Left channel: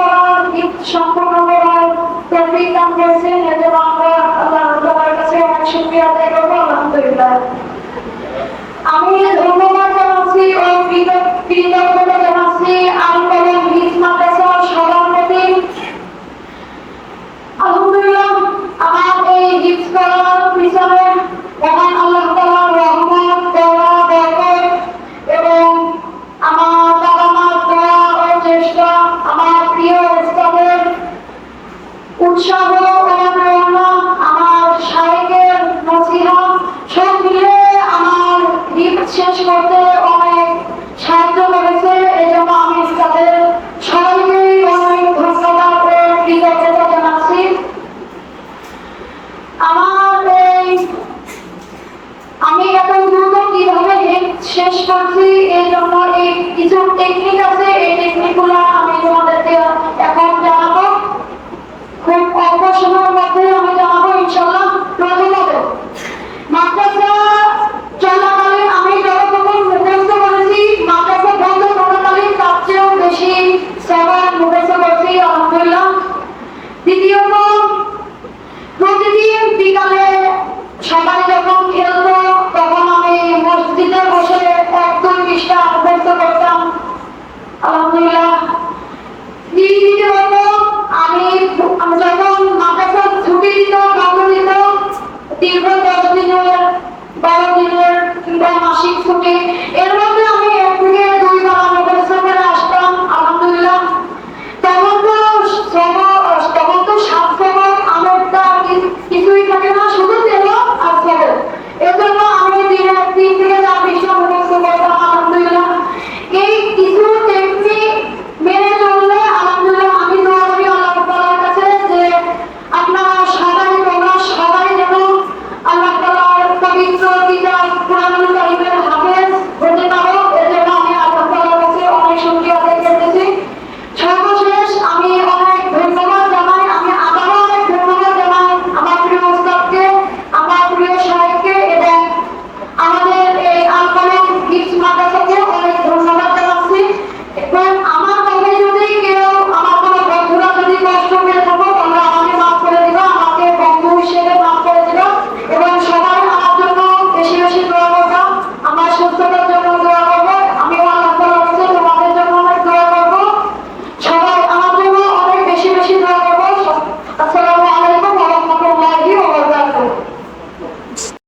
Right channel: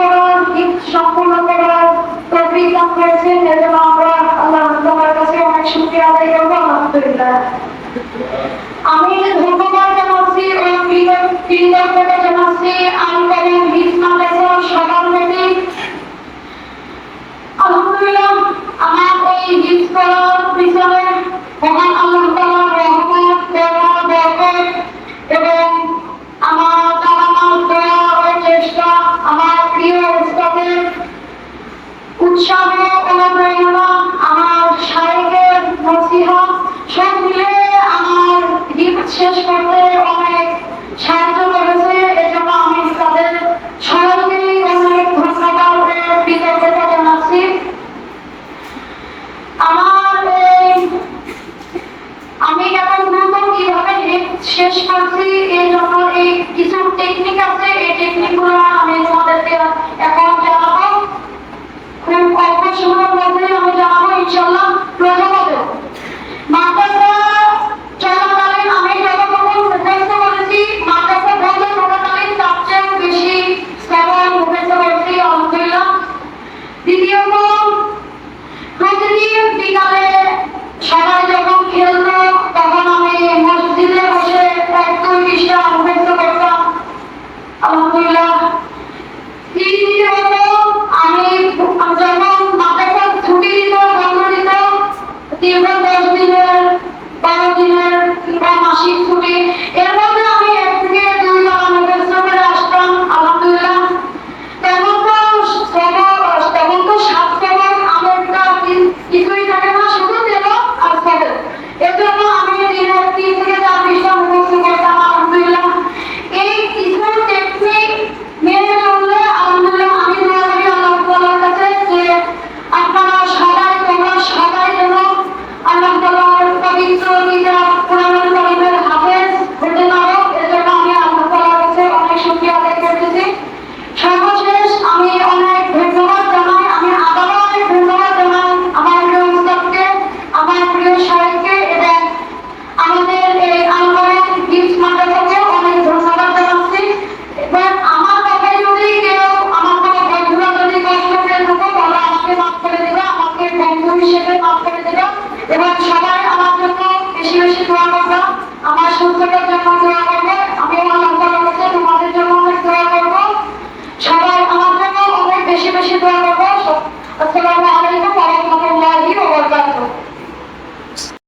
করার সম্পন্ন করার তৌফিক দান করেছেন এজন্য আমরা আল্লাহ তাআলার কাছে অনেক শুকরিয়া আদায় করব আলহামদুলিল্লাহ আমি ধন্যবাদ জানাচ্ছি ও কৃতজ্ঞতা জানাচ্ছি আল কলম হিজ মাদ্রাসা সভাপতি আলহামদুলিল্লাহ আমার এই হিজ করার পিছনে আল্লাহ উৎসাহ অনুপ্রেরণা আমার নসিহা সব মিলে আমার শেষ করতে অনেক সাহায্য করেছে এজন্য আমি তাদের সবাইকেই অনেক ধন্যবাদ কৃতজ্ঞতা জানাচ্ছি আমার এই আমি এত দ্রুত কিভাবে শেষ করছি এই জন্য এই কিছু টেকনিক আছে Chico,